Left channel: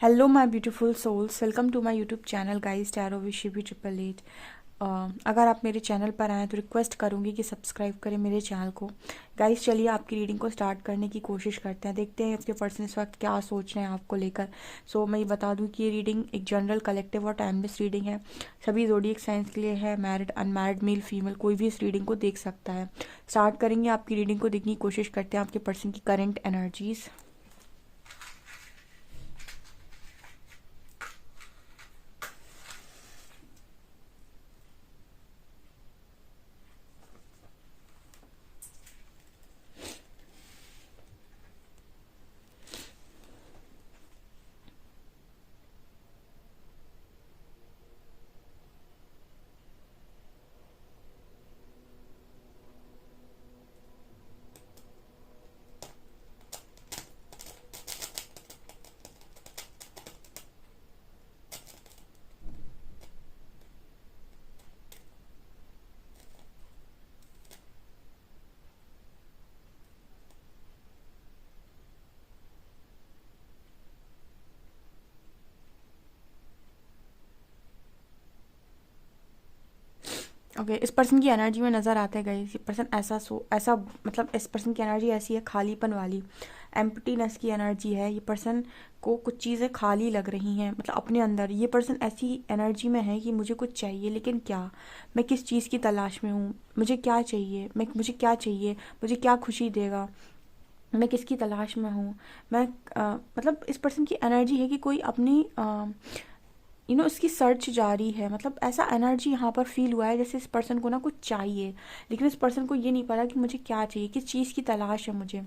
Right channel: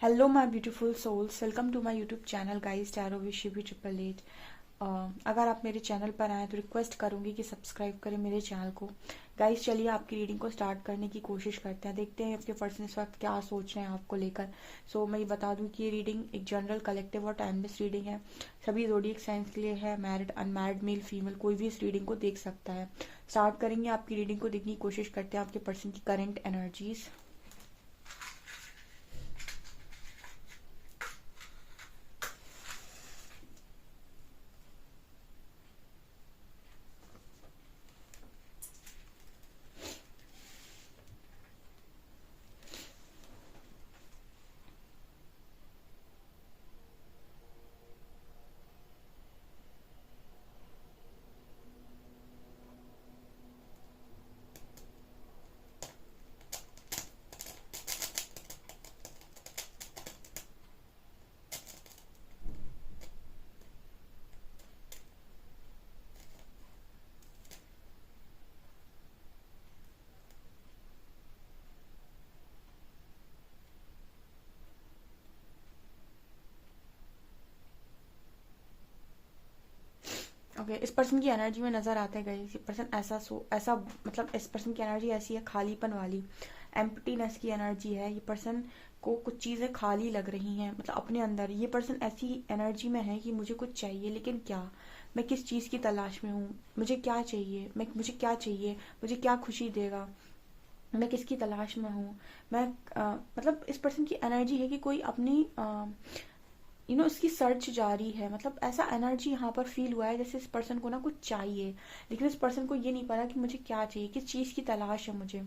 Hello my beautiful souls, welcome to my YouTube channel guys tarot with Shivi 888। अगर आप मेरे channel पर आएँ तो रिक्वेस्ट करूंगी कि सब्सक्राइब करें मेरे चैनल को। गाइस चलिए आपकी रीडिंग को स्टार्ट करने की कोशिश करते हैं, देखते हैं इसके पर्सन इस वक्त क्या सोच रहे हैं आपको लेकर। मैं ये बता दूं कि ये रीडिंग एक जनरल कलेक्टिव और टाइमलेस रीडिंग है। सभी ज़ोडिएक साइंस के लिए है। मैरिड अनमैरिड मेल फीमेल कोई भी इस रीडिंग को देख सकता है। स्टार्ट करेंगे, आपकी रीडिंग को देखने की कोशिश करते हैं आपके पर्सन की करेंट एनर्जीज। ओके इस पर्सन की एनर्जी में नज़र आते गए ये पर्सन ऐसा मतलब इस पर्सन की एनर्जी ऐसी है, खालीपन वाली, एम्प्टीनेस की एनर्जी है। ये पर्सन को कुछ चीज़ें खाली लग रही हैं, मतलब अपने अंदर ये पर्सन ऐसी एनर्जी में है कि मुझे कुछ चाहिए, लेकिन क्या, मैं किस चीज़ की तलाश में हूँ, मुझे क्या चाहिए, मुझे क्या चाहिए, मुझे क्या खुशी देगा, मैं किसकी तलाश में हूँ। मैं मतलब इस पर्सन की एनर्जी है कि कोई अपनी इसकी सर्च जारी है। मतलब ऐसा एनर्जी यहाँ पर फील हुआ है जैसे इस पर्सन को ना कुछ चाहिए, लेकिन इस पर्सन को ये नहीं पता कि मुझे क्या चाहिए, किस चीज़ की तलाश है मुझे।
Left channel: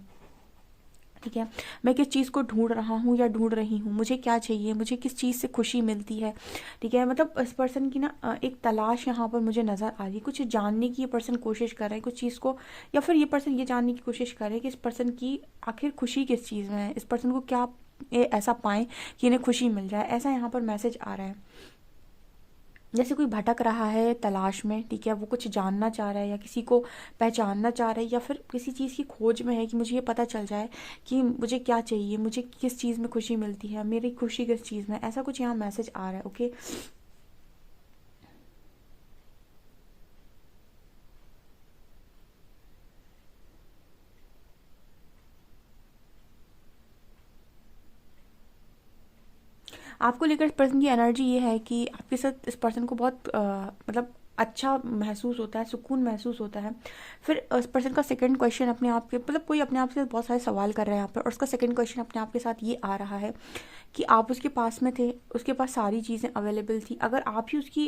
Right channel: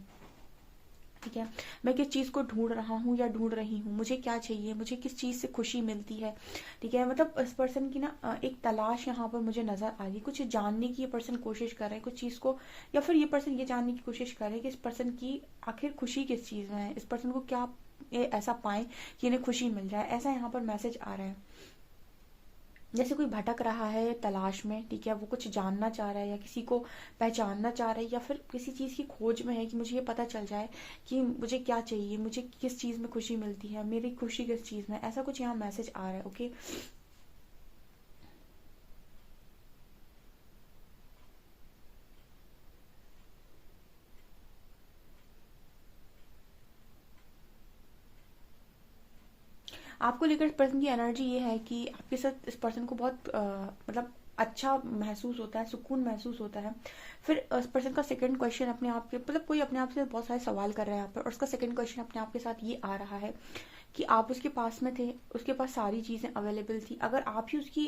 ठीक है, मैं किस चीज़ को ढूंढ रहा हूँ या ढूंढ रही हूँ, मुझे क्या चाहिए, मुझे किस चीज़ से खुशी मिलती है। ठीक है, मतलब इस पर्सन की ना एक तलाश यहाँ पर मुझे नज़र आ रही है। कुछ जानने की ये पर्सन कोशिश कर रहे हैं कुछ चीज़ को, या फिर ये पर्सन ये जानने की कोशिश कर रहे हैं कि इस पर्सन की आखिर खुशी किस चीज़ में है, इस पर्सन को क्या ये ऐसा पाएं कि इन्हें खुशी मिल जाए। ऐसा यहाँ पर मैसेज आ रहा है, जैसे कोई भटक रहा है तलाश में। ठीक है, वो कुछ जानना चाह रहा है या किसी को पहचानना चाह रहा है, या फिर किसी चीज़ की खोज में है कि मुझे ये पता चल जाए कि मुझे क्या चाहिए, मुझे किस चीज़ में खुशी मिलती है, मेरी खुशी किस चीज़ में। ऐसा कुछ यहाँ मैसेज आ रहा है। ओके, आपको लेकर इस पर्सन की एनर्जी ये है कि आपके साथ इस पर्सन को बहुत मतलब अच्छा महसूस होता है, सुकून महसूस होता है। फिर इस पर्सन का सेकंड क्वेश्चन अपने आप के, मतलब कोई अपने आप से बहुत सारे सवाल कर रहे हैं यहाँ पर, और उसका सेकंड क्वेश्चन अपने आप के साथ ये आ रहा है कि आप उसके पास में थे, उसके पास सारी चीज़ें अवेलेबल थी, अगर आप ही उसकी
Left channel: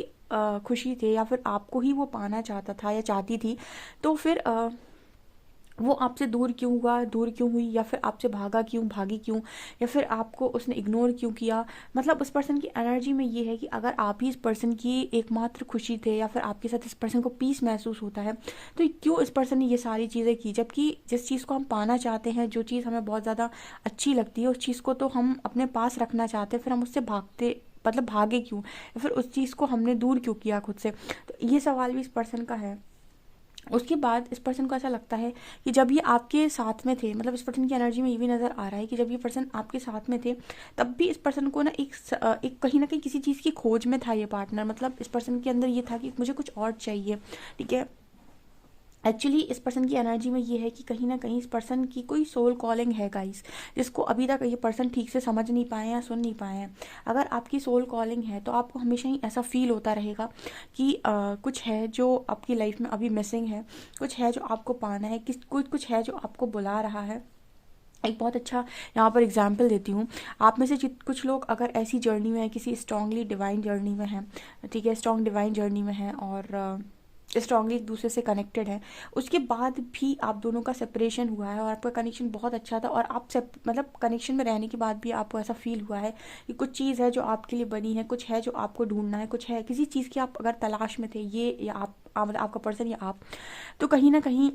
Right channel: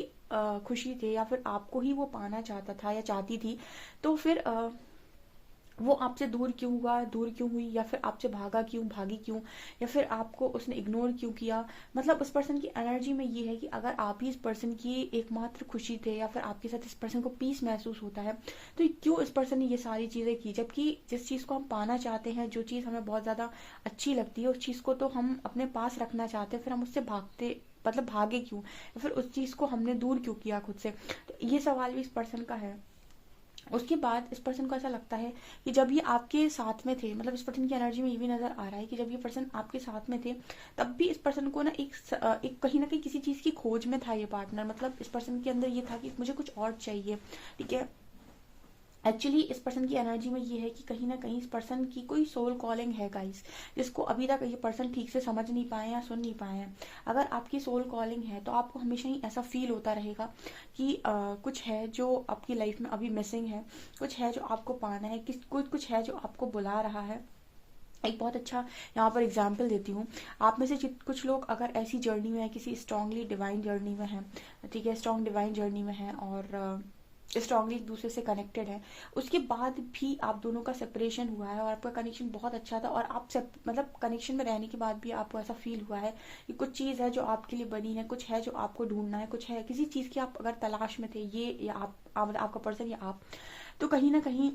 खुशी थे या फिर आपको ही वो पाना चाहता था या चाहती थी, तो फिर वो आपसे दूर क्यों हुआ, दूर क्यों हुई, या फिर आपसे भागा क्यों, भागी क्यों, या फिर आपको उसने इग्नोर क्यों किया। मतलब उस पर्सन की एनर्जी में ये है कि अगर आप ही इस पर्सन की एकमात्र खुशी थे या फिर आपके साथ इस पर्सन को पीस महसूस होता है, तो क्यों इस पर्सन ने ये सारी चीज़ें की, जबकि जिस चीज़ को हम पाना चाहते हैं, जो चीज़ हमें बहुत ज़्यादा अच्छी लगती है, उस चीज़ को तो हम अपने पास रखना चाहते हैं, फिर हम उससे भागते, मतलब भागे क्यों, या फिर उस चीज़ को हमने दूर क्यों किया खुद से। तो ये सवाल भी इस पर्सन का है। उसके बाद इस पर्सन को ऐसा लगता है कि जब ये आपके साथ में थे, मतलब इस पर्सन की एनर्जी में ये भी नज़र आ रहा है कि जब ये पर्सन आपके साथ में थे, तब भी इस पर्सन को एक कहीं ना कहीं किसी चीज़ की खोज में था ये पार्टनर। मतलब इस पर्सन के अंदर ये था कि मुझे कुछ और चाहिए। ठीक है, एक्चुअली इस पर्सन की एनर्जी में ये है कि कहीं ना कहीं इस पर्सन की कोई सोल कॉलिंग है गाइस, जिसको अभी तक ये पर्सन ठीक से समझ नहीं पाए हैं या सुन नहीं पाए हैं। अगर आपकी सोल कॉलिंग है तो आपको हमेशा ही ऐसा फील होता रहेगा कि कुछ है जो आपकी लाइफ में अभी मिसिंग है, कुछ है जो आपको पाना है, कुछ है जो आपको बुला रहा है। एक बहुत अच्छा यहाँ पर एग्जाम्पल देती हूँ। आप में से कुछ लोग अगर ऐसी जर्नी में है, किसी स्ट्रांगली डिवाइन जर्नी में है, ठीक है, स्ट्रांग डिवाइन जर्नी में है और स्ट्रांगली एक दूसरे से कनेक्टेड है, उसके बाद भी आप दोनों का सेपरेशन हुआ है और आपका कनेक्शन बहुत अच्छा था, और आप मतलब कनेक्शन में रहने के बाद भी आपको ऐसा फील हुआ है कि कुछ चीज़ है जो आपके लिए बनी है, कुछ है जो आपको ढूंढना है, कुछ है किसी चीज़ की आप अगर तलाश में थे, ये या मतलब आपका पर्सन या आप, तो कहीं ना कहीं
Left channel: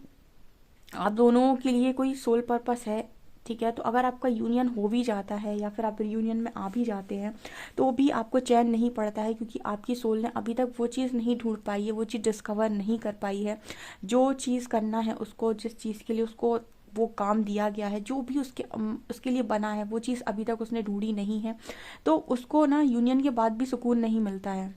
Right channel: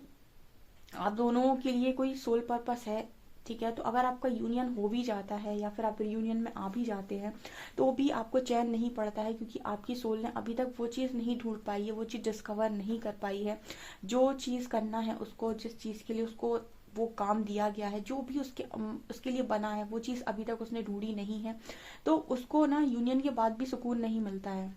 आप दोनों के लिए कोई सोल पर्पस है। ठीक है, तो अगर आपका यूनियन हो भी जाता है या फिर आप यूनियन में आ भी जाते हैं, तो भी आपको चैन नहीं पड़ता है, क्योंकि आपकी सोल ने अभी तक वो चीज़ नहीं ढूंढ पाई है, वो चीज़ डिस्कवर नहीं कर पाई है। जो चीज़ करना है उसको, जिस चीज़ के लिए उसको वो काम दिया गया है, जो भी उसके लिए बना है, वो चीज़ अभी तक उसने ढूंढी नहीं है, तो उसको ना यूनियन के बाद भी सुकून नहीं मिलता है।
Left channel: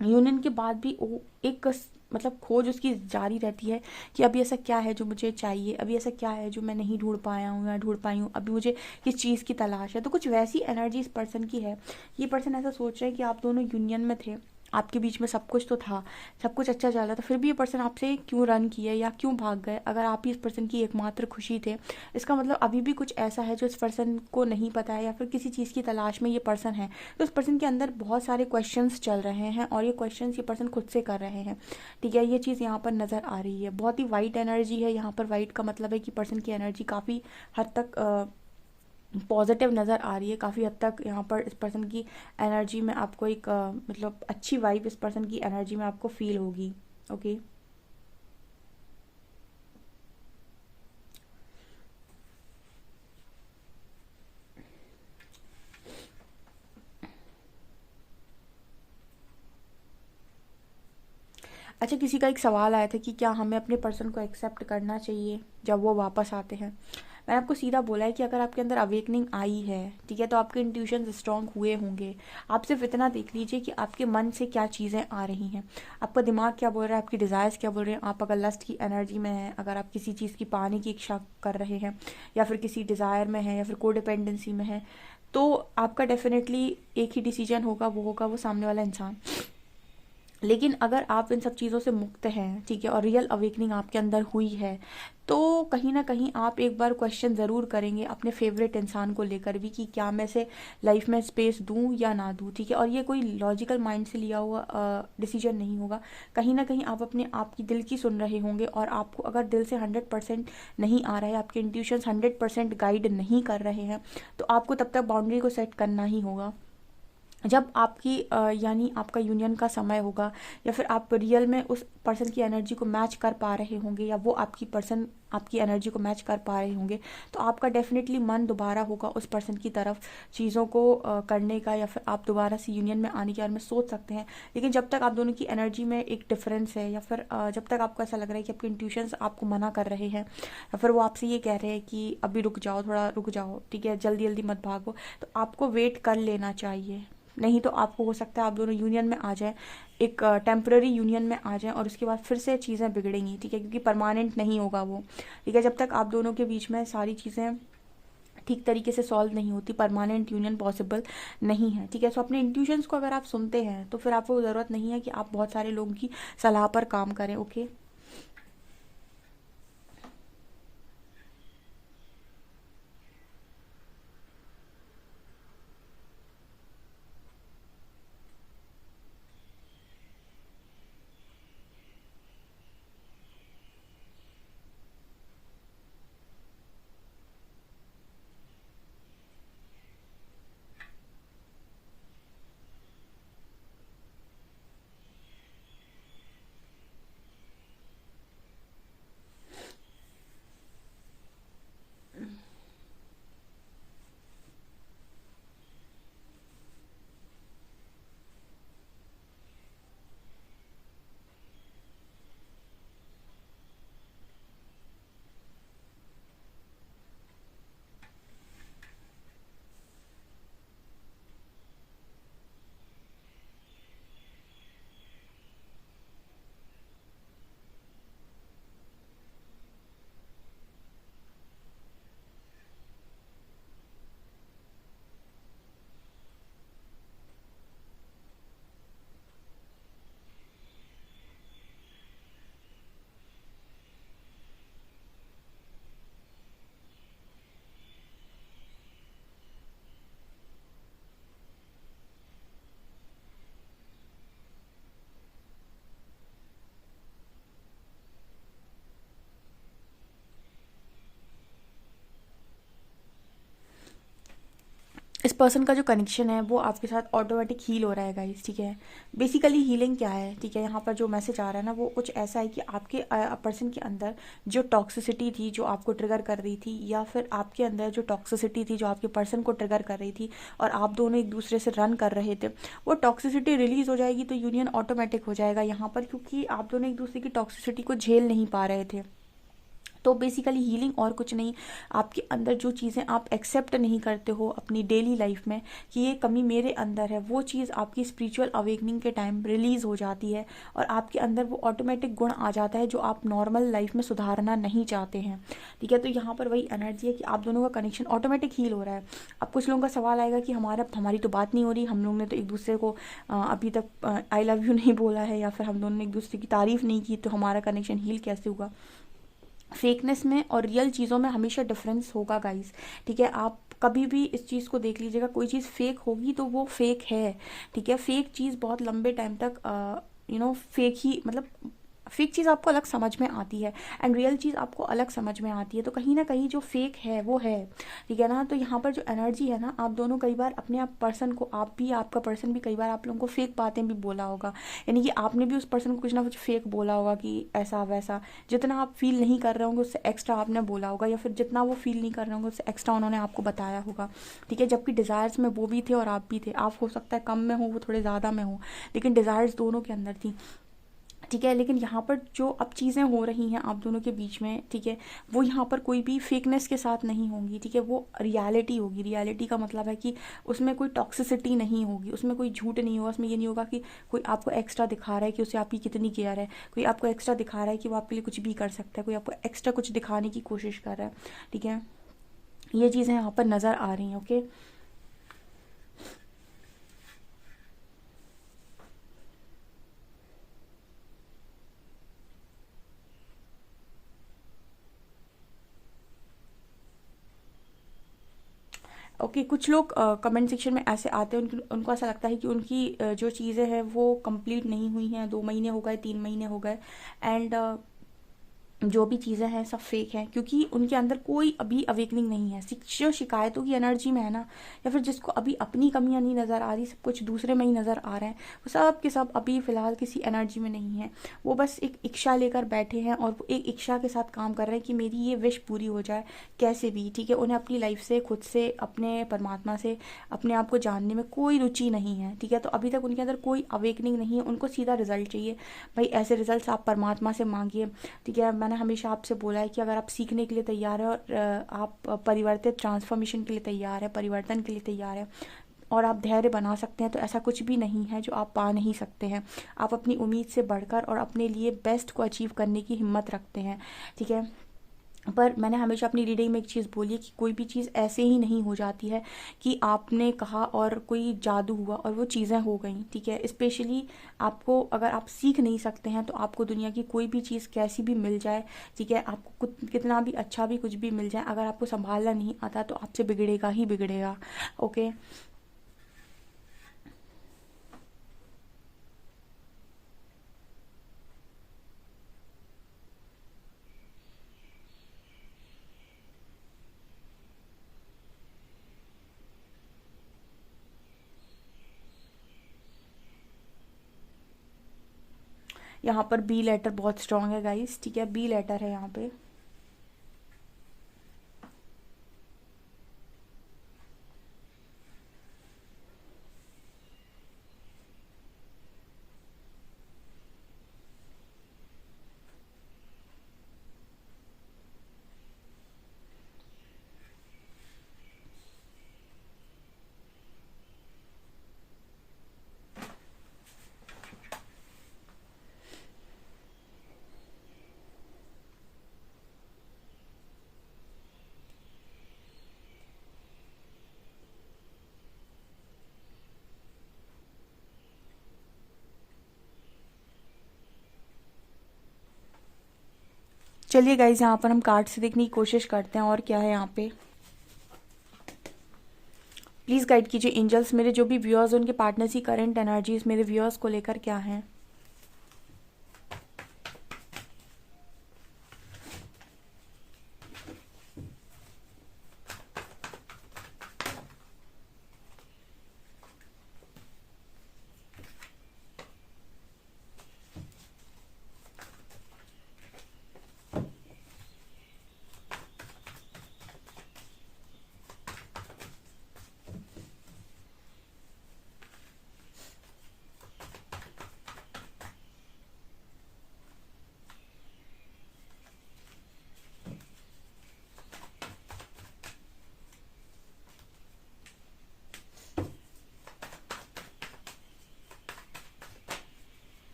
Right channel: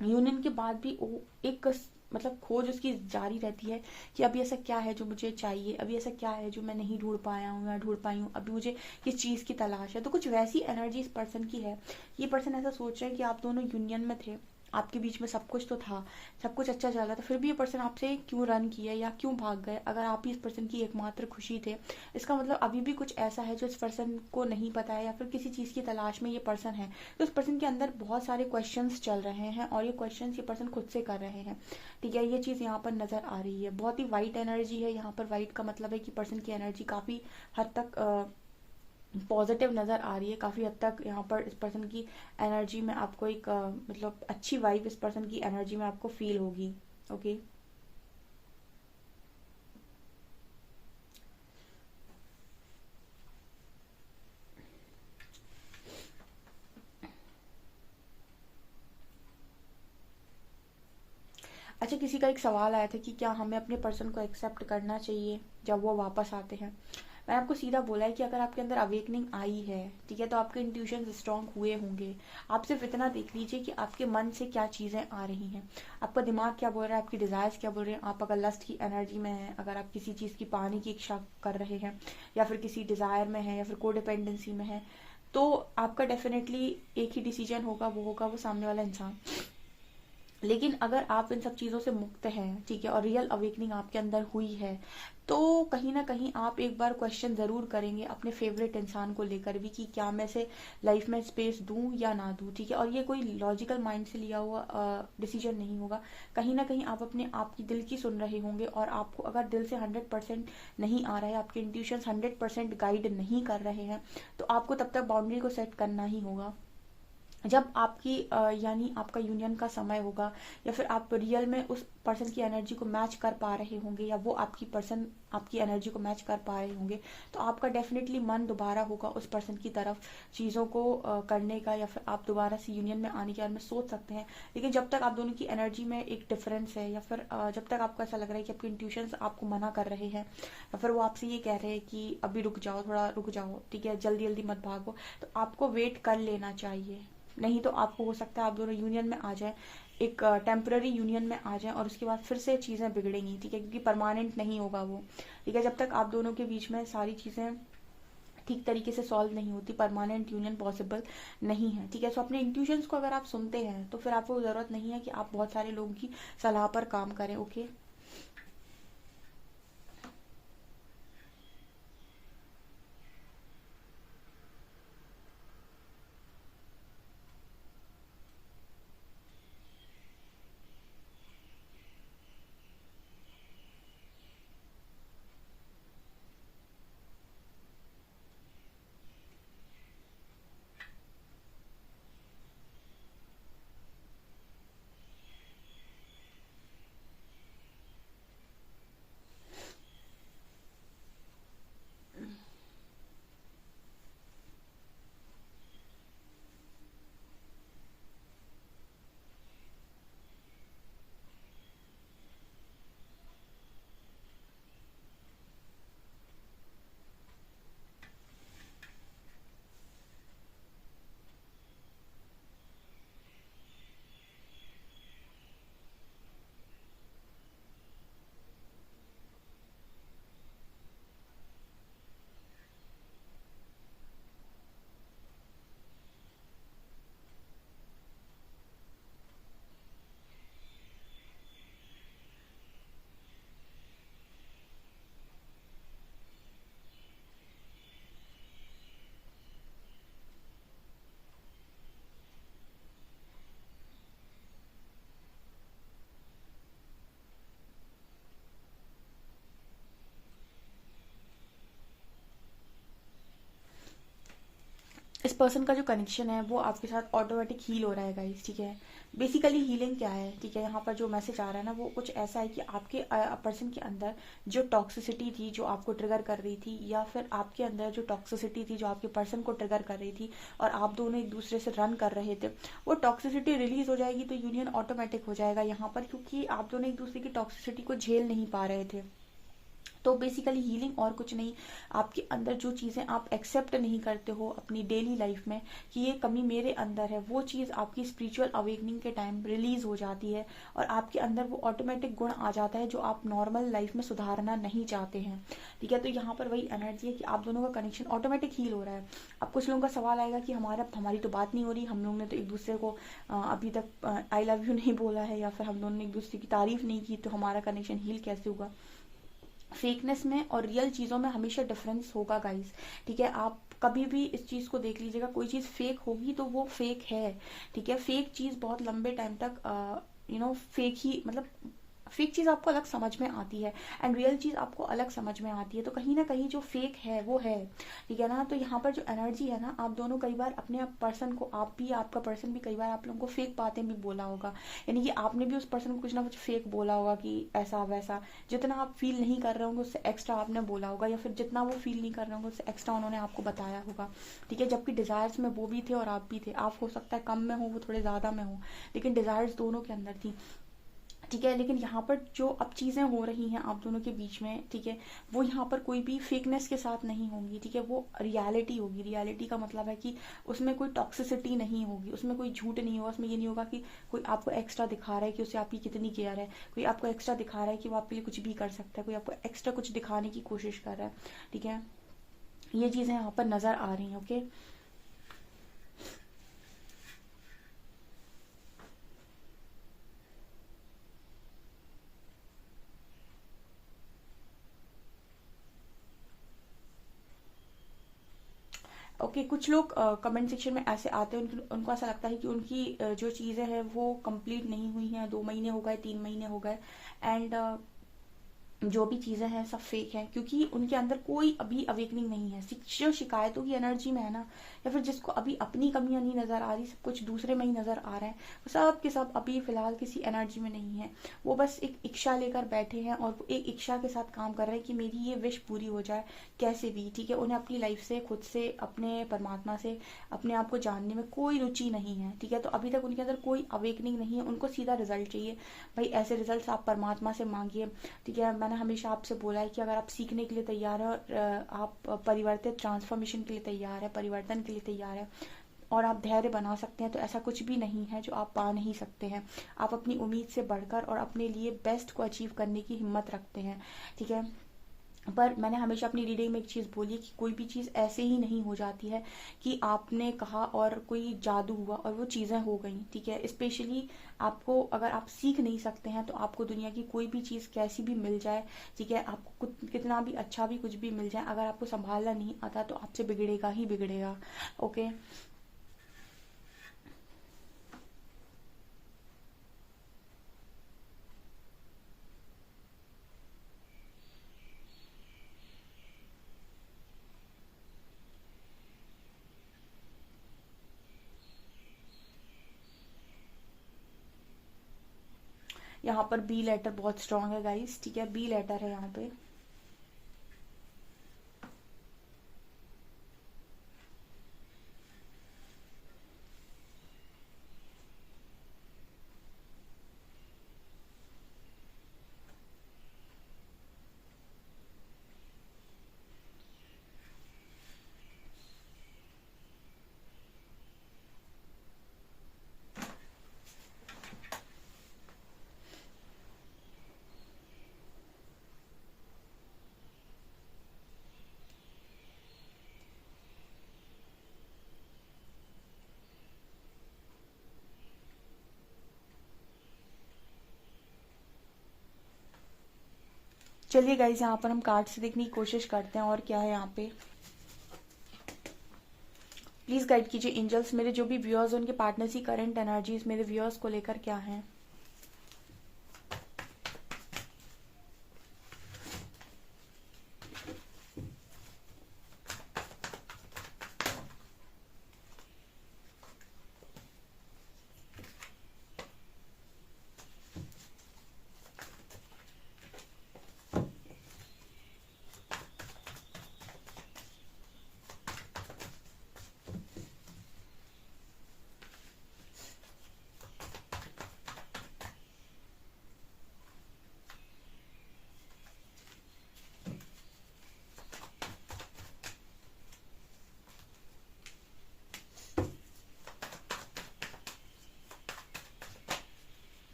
यूनियन के बाद भी वो एक मतलब खोज उसकी जारी रहती है कि अभी ऐसा क्या है जो मुझे चाहिए, अभी ऐसा क्या है जो मैं नहीं ढूंढ पाया हूँ या ढूंढ पाई हूँ, अभी मुझे किस चीज़ की तलाश है। तो कुछ वैसी एनर्जी इस पर्सन की है। ये पर्सन ऐसा सोच रहा है कि आप दोनों यूनियन में थे, आपके बीच में सब कुछ तो था, सब कुछ अच्छा चल रहा था, फिर भी ये पर्सन आपसे क्यों रन किया या क्यों भाग गए। अगर आप ही इस पर्सन की एकमात्र खुशी थे, इसका मतलब अभी भी कुछ ऐसा है जो इस पर्सन को नहीं पता है, या फिर किसी चीज़ की तलाश में ये पर्सन है। तो इस पर्सन के अंदर बहुत सारे क्वेश्चंस चल रहे हैं, और ये क्वेश्चंस ये पर्सन खुद से कर रहे हैं। ठीक है, ये चीज़ यहाँ पर नज़र आ रही है। बहुत ही वाइट एनर्जी है यहाँ पर। वाइट का मतलब है कि पर्सन की एनर्जी काफ़ी हद तक पॉजिटिव नज़र आ रही है। काफ़ी हद तक यहाँ पर इस पर्सन की एनर्जी में आपको एक मतलब अच्छी वाइब इस पर्सन की एनर्जी में आपको फील होगी। ओके, अच्छा, किसी का एक सवाल आया था कि क्या हमें अपने पर्सन को एक्सेप्ट करना चाहिए जब वो वापस आते हैं। मैंने आपको सीधा बोला है कि अगर आपके अंदर अवेकनिंग आई है, ठीक है, तो आपके इंट्यूशन स्ट्रांग हुए होंगे। आप सिर्फ इतना देख लीजिए कि आपके मन से क्या चीज़ें आ रही हैं, आपका दिमाग क्या बोल रहा है, आपकी डिज़ायर्स क्या बोल रहे हैं। आप अगर लस्ट की एनर्जी में हैं, अगर आप किसी चीज़ की पाने की इच्छा कर रहे हैं, या फिर किसी डिज़ायर में है, या फिर कोडिपेंडेंसी में है, तो आपका डेफिनेटली एक ही डिसीजन होगा, वो होगा वो सामने वाला इंसान। लेकिन अगर आप इन सब चीज़ों से मुक्त हैं, ठीक है, और रियल अवेकनिंग आपके अंदर हुई है, तो कहीं ना कहीं आप एक बार क्वेश्चन ज़रूर करेंगे अपने फेवरेट इंसान को लेकर भी कि क्या मैं इसे लाइफ में स्पेस दूं या ना दूं। ठीक है, और ये कोई लॉजिकल माइंड से लिया हुआ डिसीजन नहीं होगा। कहीं ना कहीं आप अपने आप की दिल की सुन रहे होंगे, और आपको अगर दिल से 100% नहीं आ रहा है, आपके इंट्यूशंस 100% गाइड नहीं कर रहे हैं, तो आपको तब तक बाउंड्री को सेट करना ही होगा। जब आपकी यानी आपका यूनियन का समय होगा, या फिर आप रियल में उस पर्सन की एनर्जी को मैच कर पा रहे होंगे, या वो आपकी पर्सन आपकी एनर्जी को मैच कर पा रहे होंगे, तो आपका डेफिनेटली मन दोबारा होगा उस पर्सन की तरफ चीज़ों को करने का, या फिर आप दोबारा से यूनियन में आने के बारे में सोच सकते हैं। लेकिन जब तक आप दोनों की एनर्जी में एक डिफरेंस है, या फिर जब तक आपको ऐसा लग रहा है कि आपके इंट्यूशंस आपको मना कर रहे हैं, या फिर वो आपसे ये कह रहे हैं कि अभी रुक जाओ, थोड़ा रुक जाओ, ठीक है, जल्दी जल्दी मत भागो, तो आपको वेट कर लेना चाहिए। नहीं तो आपको हो सकता है आप दोनों यूनियन में आ जाए, एक टेम्पररी यूनियन में आ जाए, और उसके बाद फिर से चीज़ें बिगड़ेंगी। ठीक है, क्योंकि परमानेंट नहीं होगा वो। ठीक है, जब तक आप दोनों के बीच में सारी चीज़ें ठीक तरीके से सॉल्व नहीं होती, परमानेंट यूनियन पॉसिबल नहीं है। ठीक है, सो अपने इंट्यूशंस को अगर आप सुनते हैं, तो फिर आपको ज़रूरत नहीं है कि आप बहुत सारे लोगों की सलाह पर काम करें। ओके, इस पर्सन का जो कनेक्शन है वो आपके साथ ऑटोमेटिक हील हो रहा है गाइस। ठीक है, बेसिकली हीलिंग क्या है, ठीक है, यहाँ पर जो मैसेज आ रहा है ना, वो कुछ ऐसा है कि आपके पर्सन के अंदर जो टॉक्सिसिटी थी जो आपको ट्रिगर कर रही थी, या फिर आपके अंदर जो टॉक्सिसिटी थी जो आपके पर्सन को ट्रिगर कर रही थी, और आप दोनों एक दूसरे से रन कर रहे थे, वो टॉक्सिसिटी रिलीज हो जाएगी, तो यूनियन ऑटोमेटिक हो जाएगा यहाँ पर, क्योंकि आप दोनों एक दूसरे की टॉक्सिसिटी को झेल नहीं पा रहे थे। तो बेसिकली हीलिंग और कुछ नहीं, आपके अंदर जो चीज़ें आप एक्सेप्ट नहीं करते हो अपनी डेली लाइफ में कि ये कमी मेरे अंदर है, वो चीज़ आपकी स्पिरिचुअल अवेकनिंग के टाइम रिलीज हो जाती है और आपके अंदर वो ऑटोमेटिक गुण आ जाता है जो आप नॉर्मल लाइफ में सुधारना नहीं चाहते हैं। ठीक है, तो यहाँ पर वही एनर्जी है कि आप दोनों का कनेक्शन ऑटोमेटिक हील हो रहा है। अब कुछ लोगों का सवाल आएगा कि हमारी तो बात नहीं हो रही, हम लोग ने तो एक दूसरे को अभी तक आई लव यू नहीं बोला है, या फिर हम दोनों ने एक दूसरे की तारीफ नहीं की, तो हमारा कनेक्शन हील कैसे होगा। फेकनेस में और रियल चीज़ों में हमेशा डिफरेंस होगा गाइस। ठीक है, आप कभी भी इस चीज़ को देख लीजिएगा, कोई चीज़ फेक होगी तो वो फेक है। ठीक है, फेक चीज़ बहुत लंबे टाइम तक फेक ही, मतलब फेक चीज़ आपको अलग समझ में आती है एंड रियल चीज़ आपको अलग समझ में आती है, तो कहीं ना कहीं जो फेक है वो है। ठीक है ना, तो यहाँ पर जो एनर्जी है ना, आप दोनों कई बार अपने आप पर्सन को, आप भी आपका पर्सन भी कई बार आप लोगों को फेक बातें भी बोला होगा, यानी कि आपने भी उस पर्सन को कुछ ना कुछ फेक बोला होगा कि ऐसा वैसा, जितना आप फील नहीं कर रहे होंगे उससे एक्स्ट्रा आपने बोला होगा, या फिर जितना वो फील नहीं कर रहे होंगे उससे एक्स्ट्रा उन्होंने आपको बताया होगा। ठीक है, जबकि डिज़ायर्स में वो भी थे और आप भी थे, आप हो सकता है कम में हो, वो थोड़े ज़्यादा में हो, लेकिन डिज़ायर्स दोनों के अंदर थी। ठीक है, लेकिन यहाँ पर जो अब चीज़ें हो रही हैं आप दोनों के बीच में, ठीक है, वो यहाँ पर कोई भी फेकनेस के साथ नहीं होंगी। ठीक है, वो रियलिटी होगी। रियलिटी का मतलब है कि उसमें कोई टॉक्सिसिटी नहीं होगी, उसमें कोई झूठ नहीं होगा, उसमें ये नहीं होगा कि कोई आपको एक्स्ट्रा दिखा रहा है कि उसे आपकी कितनी केयर है, कोई आपको एक्स्ट्रा दिखा रहा है कि वो आपके लिए कुछ भी कर सकता है, कोई आपको एक्स्ट्रा कुछ दिखाने की कोशिश कर रहा है। ठीक है, ये चीज़ें यहाँ पर नज़र आ रही हैं। ओके, ओके, कुछ लोग कमेंट सेक्शन में ऐसे आते हैं, उनको ऐसा लगता है कि उनकी जो चीज़ें हैं वो कंप्लीट नहीं हुई हैं, 2 महीने हो गए, 3 महीने हो गए, एंड जो भी चीज़ें हैं सब फेक हैं, क्योंकि उनके अंदर कोई अभी अवेकनिंग नहीं है। जो शिकायतों की एनर्जी में है ना, या फिर जिसको अभी अपनी कमियां नहीं नज़र आ रही, सब कुछ दूसरे में ही नज़र आ रहे हैं, वो सब के सब अभी फ़िलहाल किसी एनर्जी में नहीं है। वो बस एक इच्छा लेकर बैठे हैं और वो एक इच्छा के साथ काम कर रहे हैं कि मेरी ये विश पूरी हो जाए कैसे भी। ठीक है, उन्हें अपनी लाइफ से, खुद से, अपने परमात्मा से, अपने आप को जानने में कोई रुचि नहीं है। ठीक है, तो अभी तक उनके अंदर कोई अवेकनिंग नहीं है, उनको सीधा रिजल्ट चाहिए। भाई ऐसे रिजल्ट आप परमात्मा से मांगिए। ठीक है, मैंने हमेशा आपसे बोला है कि अगर आप सीखने के लिए तैयार है और आप परिवर्तित ट्रांसफॉर्मेशन के लिए तैयार है, परिवर्तन के लिए तैयार है, और आप धैर्य बना सकते हैं, तो ऐसा कुछ भी नहीं है जो आप पा नहीं सकते हैं। आप अपनी उम्मीद से बढ़कर और अपने लिए बेस्ट को अचीव करने की हिम्मत रखते हैं। ठीक है, पर मैंने हमेशा अपनी रीडिंग में एक चीज़ बोली है कि कोई भी चीज़ ऐसे ही नहीं हो जाती है कि आपने कहा और कोई जादू हुआ और वो चीज़ें हो गई। ठीक है, स्पेशली आपको, अगर आप सीख नहीं सकते हैं तो आपको दुनिया की कोई भी चीज़ कैसी भी मिल जाए, ठीक है, आपको कितना भी अच्छा भी कुछ भी मिल जाए, अगर आपको संभालना नहीं आता तो आपसे बिगड़ेगा ही बिगड़ेगा। ओके, यहाँ पर बी लेटर बहुत स्ट्रांग है गाइस। ठीक है, बी लेटर है यहाँ पे। चलिए गाइज, यहाँ पर हम कार्ड से देखने की कोशिश करते हैं और क्या है यहाँ पे। प्लीज़ गाइड कीजिए एंजल्स, मेरे जो भी व्यूअर्स उनके पार्टनर्स की करंट एनर्जीज मेरे व्यूअर्स को लेकर क्या है।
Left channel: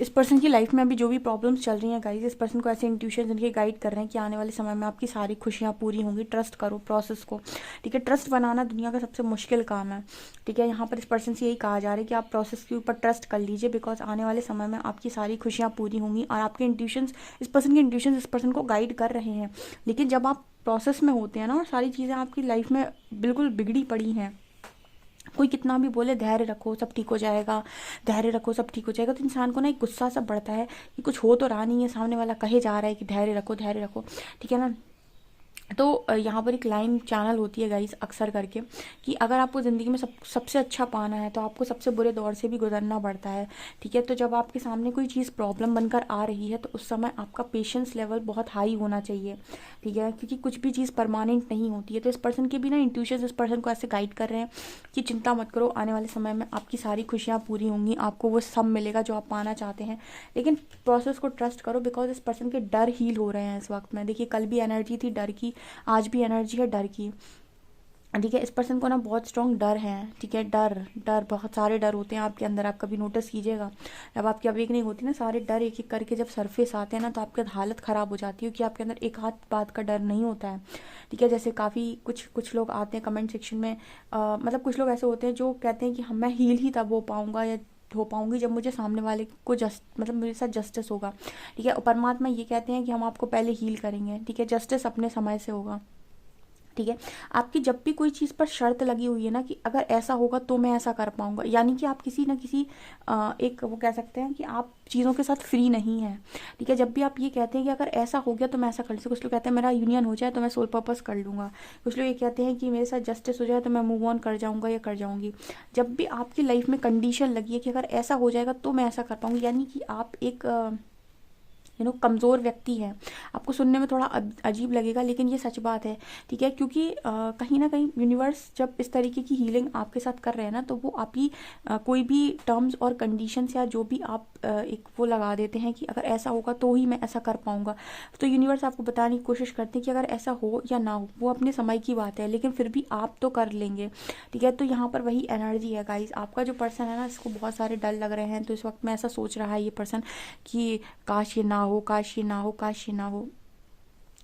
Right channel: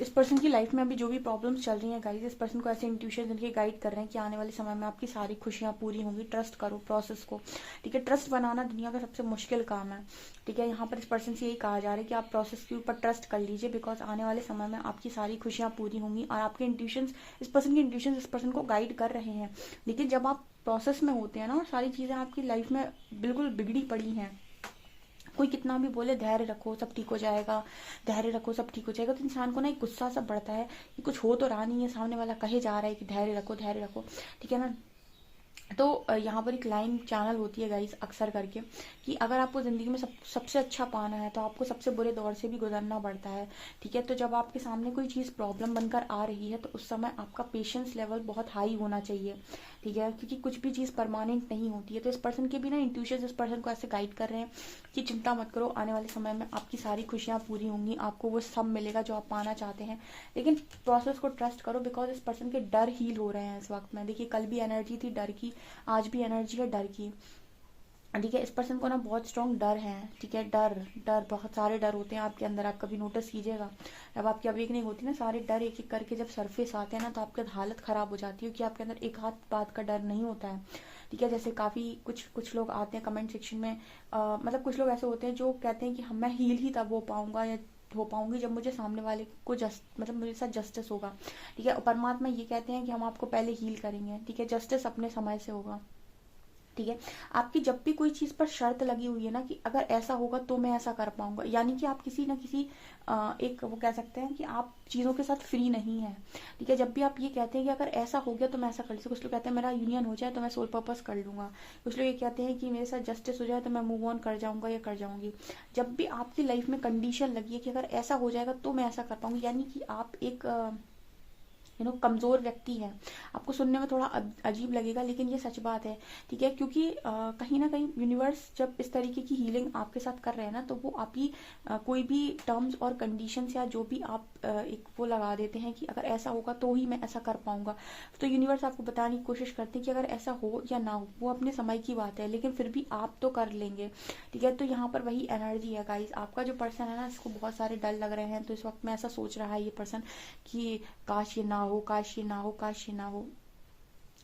इस पर्सन की लाइफ में अभी जो भी प्रॉब्लम्स चल रही हैं गाइज, इस पर्सन को ऐसे इंट्यूशन इनके गाइड कर रहे हैं कि आने वाले समय में आपकी सारी खुशियां पूरी होंगी। ट्रस्ट करो प्रोसेस को, ठीक है। ट्रस्ट बनाना दुनिया का सबसे मुश्किल काम है, ठीक है। यहाँ पर इस पर्सन से यही कहा जा रहा है कि आप प्रोसेस के ऊपर ट्रस्ट कर लीजिए, बिकॉज आने वाले समय में आपकी सारी खुशियां पूरी होंगी। और आपके इंट्यूशंस, इस पर्सन के इंट्यूशंस इस पर्सन को गाइड कर रहे हैं। लेकिन जब आप प्रोसेस में होते हैं ना, और सारी चीज़ें आपकी लाइफ में बिल्कुल बिगड़ी पड़ी हैं, कोई कितना भी बोले धैर्य रखो सब ठीक हो जाएगा, धैर्य रखो सब ठीक हो जाएगा, तो इंसान को ना एक गुस्सा सा बढ़ता है कि कुछ हो तो रहा नहीं है, सामने वाला कहे जा रहा है कि धैर्य रखो धैर्य रखो, ठीक है ना। तो यहाँ पर एक लाइन चैनल होती है गाइस अक्सर करके, कि अगर आपको ज़िंदगी में सबसे अच्छा पाना है तो आपको सबसे बुरे दौर से भी गुजरना पड़ता है, ठीक है। तो जब आपके सामने कोई चीज़ प्रॉब्लम बनकर आ रही है तो उस समय आपका पेशेंस लेवल बहुत हाई होना चाहिए, ठीक है, क्योंकि कुछ भी चीज़ परमानेंट नहीं होती है। तो इस पर्सन के भी ना इंट्यूशन इस पर्सन को ऐसे गाइड कर रहे हैं कि चिंता मत करो, आने वाले समय में आपकी सारी खुशियाँ पूरी होंगी, आपको वो सब मिलेगा जो आप पाना चाहते हैं। लेकिन प्रोसेस को ट्रस्ट करो, बिकॉज इस पर्सन के डर हील हो रहे हैं इस वक्त में। देखिए कल भी एनर्जी थी डर की, आज भी एनर्जी है डर की, ठीक है। इस पर्सन को ना बहुत स्ट्रॉन्ग डर है, ठीक है। डर डर बहुत सारे डर होते हैं आपके अंदर, आप कभी नोटिस कीजिएगा। जब आपकी अवेकनिंग होती है ना, सारे डर एक एक करके जब सरफेस आते हैं ना, तो आपकी हालत खराब हो जाती है, कि आपके अंदर एक हाथ बात का डर नहीं होता है, ठीक है। जैसे काफ़ी कुछ लोग आते हैं कमेंट सेक्शन में, मतलब कुछ लोग ऐसे होते हैं जो कहते हैं कि हम मैं हील ही तब हो पाऊंगा या हो पाऊंगी जब मुझे सामने वाले को मतलब मेरे साथ जस्टिस होगा, ठीक है। और परमात्मा ये कहते हैं कि हम आपको पहले हील करेंगे, ठीक है। जस्टिस अपने समय से होगा, ठीक है। आपकी जब भी कोई चीज़ पर शर्त लगी हुई है ना, कि अगर ऐसा होगा तो मैं ऐसा कर पाऊंगा, यानी कि आप किसी ना किसी एक वो कह सकते हैं कि आप चीज़ों के साथ फ्री नहीं है, ठीक है। जब भी आप ये कहते हैं कि अगर ऐसा हो गया तो मैं ऐसा कर लूँ, कुछ लोग कहते हैं मेरा यूनियन हो जाए तो मैं सोल पर्पस कर लूँगा, कुछ लोग ये कहते हैं कि मेरे साथ जस्टिस हो जाए तो मैं मूव ऑन कर जाऊँगा या कर जाऊँगी। जब भी आपकी लाइफ में कंडीशन लगी है कि अगर ऐसा हो जाएगा तो मैं ऐसा कर पाऊँगी, यानी कि आप एक कमज़ोर व्यक्ति है। आपको सुनने में थोड़ा अजीब लगेगा, लेकिन ये सच बात है, ठीक है। क्योंकि कहीं ना कहीं यूनिवर्स जब इस तरीके की हीलिंग आपके साथ कर रहे हैं ना, तो वो आपकी कोई भी टर्म्स और कंडीशंस या जो भी आप एक वो लगा देते हैं कि अगर ऐसा होगा तो ही मैं ऐसा कर पाऊंगा। तो यूनिवर्स आपको बताने की कोशिश करते हैं कि अगर ऐसा हो या ना हो वो अपने समय की बात है, लेकिन फिर भी आप तो कर लेंगे, ठीक है। तो यहाँ पर वही एनर्जी है गाइस। आपका जो पर्सन है ना, इसको बहुत सारे डर लग रहे हैं, तो इस वक्त में ऐसा सोच रहा है ये पर्सन कि काश ये ना हो, काश ये ना हो, काश ये ना हो,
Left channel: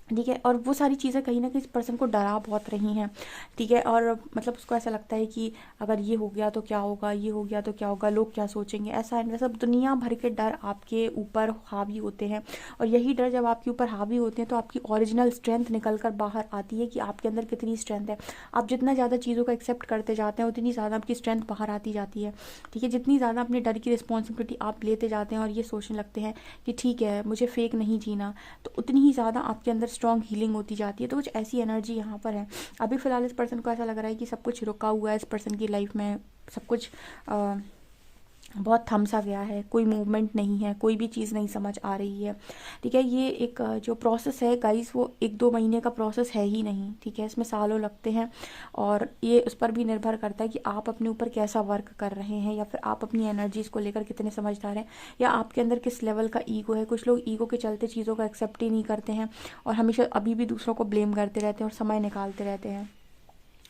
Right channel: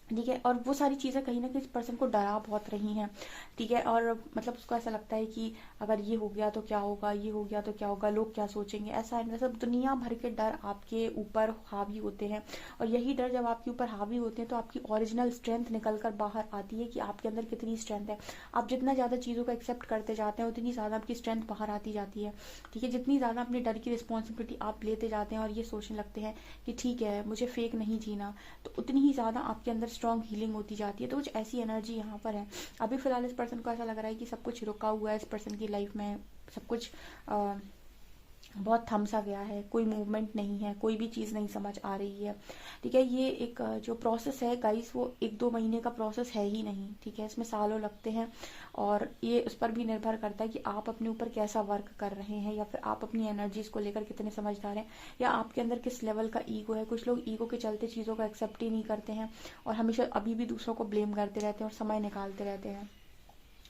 ठीक है। और वो सारी चीज़ें कहीं ना कहीं इस पर्सन को डरा बहुत रही हैं, ठीक है। और मतलब उसको ऐसा लगता है कि अगर ये हो गया तो क्या होगा, ये हो गया तो क्या होगा, लोग क्या सोचेंगे, ऐसा है वैसा, दुनिया भर के डर आपके ऊपर हावी होते हैं। और यही डर जब आपके ऊपर हावी होते हैं तो आपकी ओरिजिनल स्ट्रेंथ निकल कर बाहर आती है, कि आपके अंदर कितनी स्ट्रेंथ है। आप जितना ज़्यादा चीज़ों को एक्सेप्ट करते जाते हैं उतनी ज़्यादा आपकी स्ट्रेंथ बाहर आती जाती है, ठीक है। जितनी ज़्यादा अपने डर की रिस्पॉन्सिबिलिटी आप लेते जाते हैं और ये सोचने लगते हैं कि ठीक है मुझे फेक नहीं जीना, तो उतनी ही ज़्यादा आपके अंदर स्ट्रॉन्ग हीलिंग होती जाती है। तो कुछ ऐसी एनर्जी यहाँ पर है। अभी फिलहाल इस पर्सन को ऐसा लग रहा है कि सब कुछ रुका हुआ है इस पर्सन की लाइफ में, सब कुछ बहुत थम सा गया है, कोई मूवमेंट नहीं है, कोई भी चीज़ नहीं समझ आ रही है, ठीक है। ये एक जो प्रोसेस है गाइस, वो 1-2 महीने का प्रोसेस है ही नहीं, ठीक है। इसमें सालों लगते हैं, और ये उस पर भी निर्भर करता है कि आप अपने ऊपर कैसा वर्क कर रहे हैं, या फिर आप अपनी एनर्जीज को लेकर कितने समझदार हैं, या आपके अंदर किस लेवल का ईगो है। कुछ लोग ईगो के चलते चीज़ों को एक्सेप्ट ही नहीं करते हैं, और हमेशा अभी भी दूसरों को ब्लेम करते रहते हैं और समय निकालते रहते हैं,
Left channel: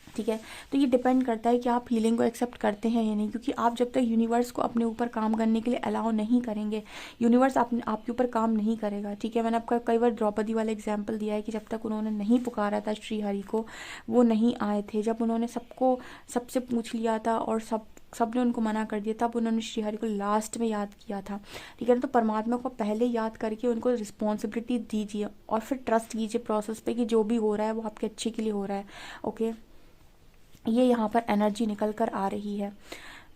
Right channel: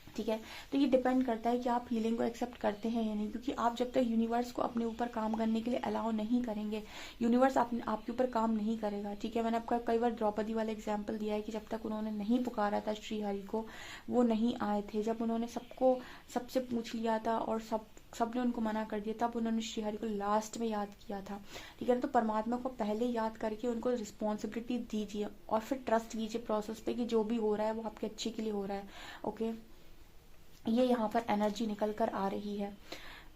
ठीक है। तो ये डिपेंड करता है कि आप हीलिंग को एक्सेप्ट करते हैं या नहीं, क्योंकि आप जब तक यूनिवर्स को अपने ऊपर काम करने के लिए अलाउ नहीं करेंगे, यूनिवर्स आपके ऊपर काम नहीं करेगा, ठीक है। मैंने आपका कई बार द्रौपदी वाला एग्जाम्पल दिया है कि जब तक उन्होंने नहीं पुकारा था श्री हरि को, वो नहीं आए थे। जब उन्होंने सबसे पूछ लिया था और सबने उनको मना कर दिया, तब उन्होंने श्रीहरि को लास्ट में याद किया था, ठीक है ना। तो परमात्मा को पहले याद करके उनको रिस्पॉन्सिबिलिटी दीजिए, और फिर ट्रस्ट कीजिए प्रोसेस पे कि जो भी हो रहा है वो आपके अच्छे के लिए हो रहा है, ओके। ये यहाँ पर एनर्जी निकल कर आ रही है,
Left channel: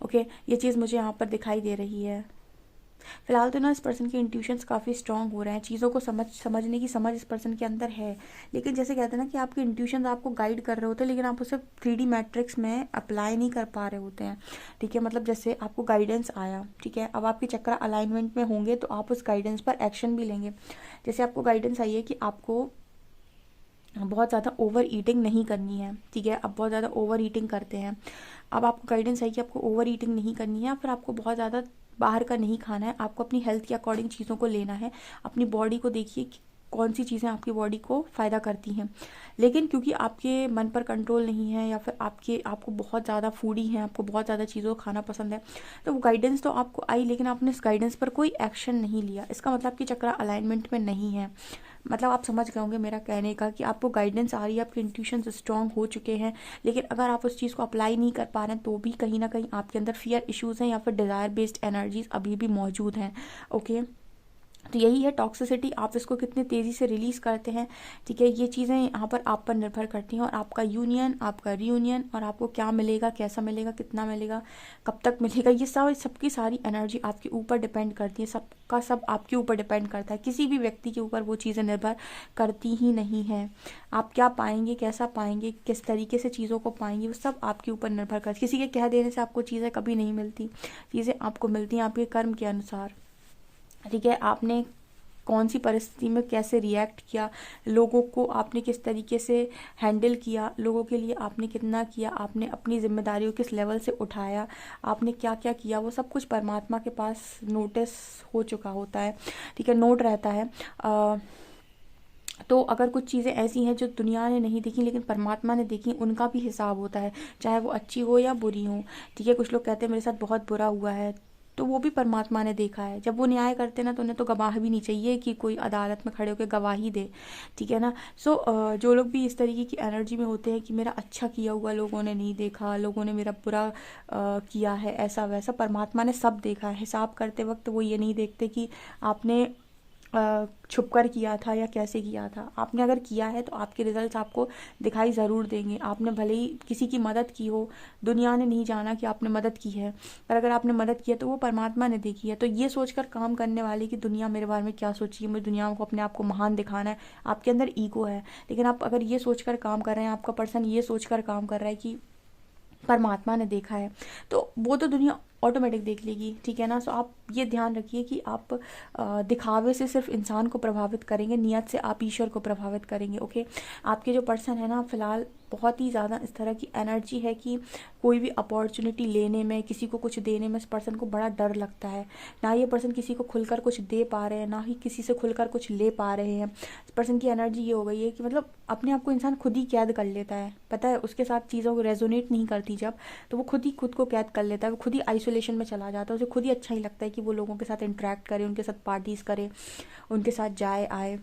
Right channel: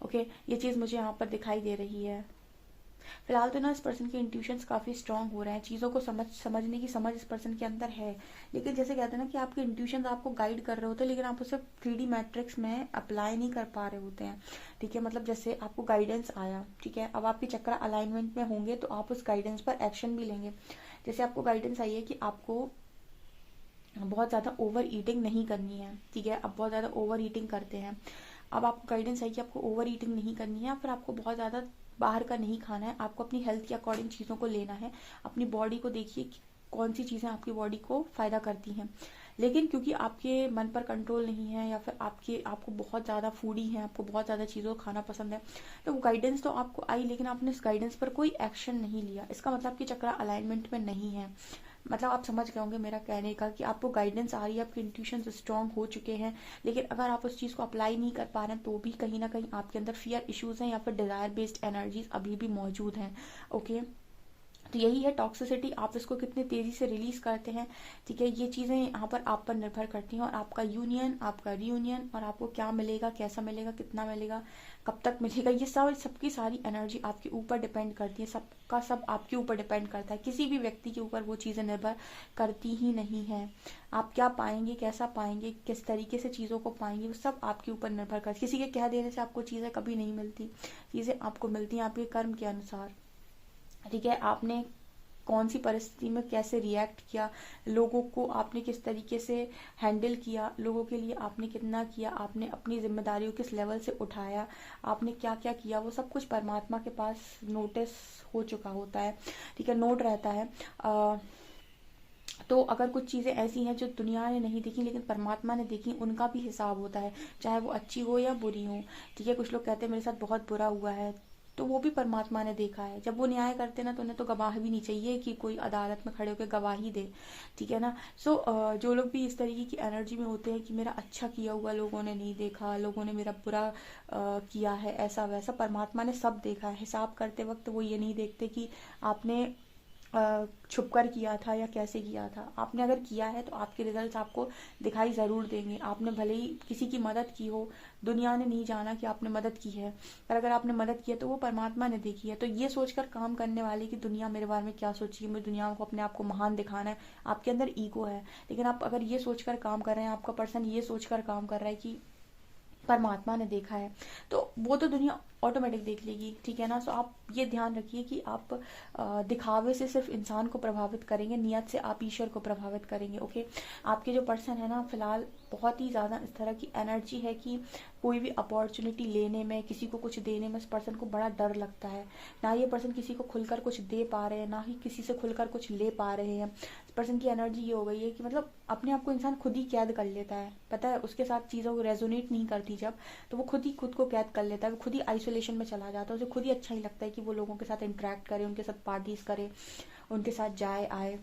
ओके। ये चीज़ मुझे यहाँ पर दिखाई दे रही है। फिलहाल तो ना इस पर्सन के इंट्यूशंस काफ़ी स्ट्रांग हो रहे हैं, चीज़ों को समझने की समझ इस पर्सन के अंदर है। लेकिन जैसे कहते हैं ना कि आपके इंट्यूशंस आपको गाइड कर रहे होते हैं, लेकिन आप उसे 3D मैट्रिक्स में अप्लाई नहीं कर पा रहे होते हैं, ठीक है। मतलब जैसे आपको गाइडेंस आया, ठीक है, अब आपके चक्र अलाइनमेंट में होंगे तो आप उस गाइडेंस पर एक्शन भी लेंगे। जैसे आपको गाइडेंस आई है कि आपको बहुत ज़्यादा ओवर ईटिंग नहीं करनी है, ठीक है। अब बहुत ज़्यादा ओवर ईटिंग करते हैं, अब आपको गाइडेंस है कि आपको ओवर ईटिंग नहीं करनी है, फिर आपको बहुत ज़्यादा बाहर का नहीं खाना है, आपको अपनी हेल्थ के अकॉर्डिंग चीज़ों को लेना है। अपनी बॉडी को देखिए कि कौन सी चीज़ें आपकी बॉडी को फ़ायदा करती हैं, लेकिन क्योंकि आपके मन पर कंट्रोल नहीं है, या फिर आपको बहुत ज़्यादा फूडी है, आपको बहुत ज़्यादा चीज़ों को खाना पसंद है, तो वो गाइडेंस तो आपको आई, लेकिन आपने इस गाइडेंस पर कोई एक्शन नहीं लिया। इसका मतलब कि चक्र अलाइनमेंट में नहीं है। मतलब आप समझ गए होंगे मेरा कहने का कि आपको गाइडेंस आ रही है, आपके इंट्यूशन स्ट्रांग हो चुके हैं, लेकिन अगर आप उस चीज़ को अप्लाई नहीं कर पा रहे हैं तो भी कहीं ना कहीं आपके अंदर फियर इश्यूज हैं, या फिर डिज़ायर बेस्ड एनर्जीज अभी भी मौजूद हैं। ओके, तो यही है टॉक्सिसिटी, आप इसको कितने तेज़ी से रिलीज़ करते हैं। ठीक है, ये चीज़ें यहाँ पर आप पर निर्भर करती हैं, और आपका यूनियन, आपका रियूनियन, और आपको क्या मिलेगा, कैसा मिलेगा, कितना मिलेगा, कब तक मिलेगा, ये सब सबकी सारी एनर्जी आपके ऊपर डिपेंड करती है। सबका सब आपके ऊपर डिपेंड करता है, किसी भी व्यक्ति के ऊपर वो चीज़ें निर्भर करती ही नहीं है। आप क्या पाएंगे, कैसा पाएंगे, किस तरीके से चीज़ों को पाएंगे, वो सब आपके ऊपर निर्भर करती है। किसी के कह देने से आपको चीज़ें कभी नहीं मिलती, चीज़ें आपको मिलती हैं आपके कर्म के अनुसार। ठीक है, आपने कौन सी परिस्थिति में कैसे रिएक्ट किया, लोगों को आपने किस तरीके से हैंडल किया, लोगों के लिए आपने कितना किया, आपने अपनी जिम्मेदारियों किस लेवल से उठाया, आपने क्या क्या किया, वो सब कुछ परमात्मा के पास नोटिस हो चुका होता है। ठीक है, नोट रहता है। तो अगर कुछ चीज़ें ऐसी हैं जो दुनिया ने नहीं देखी लेकिन परमात्मा ने देखी, उनका भी हिसाब होता है, चाहे वो अच्छी हो या बुरी हो। ठीक है, कुछ लोग कहते हैं मेरे साथ बहुत बुरा हुआ है, तो वो भी परमात्मा ने देखा है। जब वो न्याय करते ना, तो उन्हें तो गवाह भी नहीं चाहिए कि कोई अदालत में खड़े होकर गवाही दे। ठीक है ना। सो जो लोग भी इस तरीके की एनर्जी में होते हैं कि मेरा अच्छा किया हुआ लोगों ने नहीं देखा, लोगों ने मेरा बुरा किया है, ऐसा वैसा, परमात्मा ने सब देखा है। हिसाब करते वक्त वो ये नहीं देखते कि आपने छुप कर किया था या कैसे किया था। आपने अगर किया है तो आपके रिजल्ट्स आपको दिखाई ज़रूर देंगे। आपने भले ही किसी की मदद की हो, दुनिया ने नहीं जाना कि आपने मदद की है, पर अगर आपने मदद की है तो वो परमात्मा ने देखी है। तो ये सोचकर काम करने वाले कि दुनिया मेरे बारे में क्या सोची है, मुझे दुनिया को अपने आप को महान दिखाना है, आपके अंदर ईगो है। लेकिन आप अगर ये सोचकर काम कर रहे हैं, आपका पर्सन ये सोचकर काम कर रहा है कि परमात्मा ने देखा है, तो वो तो दुनिया ऑटोमेटिक देख लेगी। ठीक है ना। सो आप ये ध्यान रखिए कि आप दिखावे से सिर्फ इंसान को प्रभावित करेंगे, नियत से आप ईश्वर को प्रभावित करेंगे। ओके, आपके जो पर्सन है ना, फिलहाल बहुत ही ज़्यादा इस तरह की एनर्जी है कि कोई भी अपॉर्चुनिटी लेने में, किसी को कुछ देने में इस पर्सन को बड़ा डर लगता है। ना ये पर्सन किसी को खुलकर कुछ दे पा रहे हैं, ना ही किसी से खुलकर कुछ ले पा रहे हैं। इस पर्सन की एनर्जी ये हो गई है कि मतलब अपने आप को इंसान खुद ही कैद कर लेता है। पता है, उसके साथ चीज़ों को रेजोनेट नहीं करती जब, तो वो खुद ही खुद को कैद कर लेता है, वो खुद ही आइसोलेशन में चला जाता है। उसे खुद ही अच्छा ही लगता है कि वो लोगों के साथ इंटरेक्ट करे, उनके साथ पार्टीज करे, उनके साथ जाए आए।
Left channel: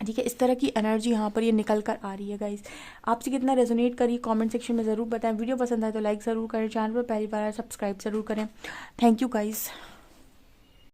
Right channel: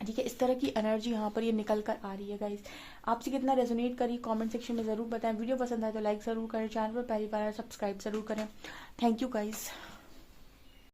ठीक है, इस तरह की एनर्जी यहाँ पर ये निकल कर आ रही है गाइस। आपसे कितना रेजोनेट करी कमेंट सेक्शन में ज़रूर बताएं। वीडियो पसंद आए तो लाइक ज़रूर करें, चैनल पर पहली बार सब्सक्राइब ज़रूर करें। Thank you guys.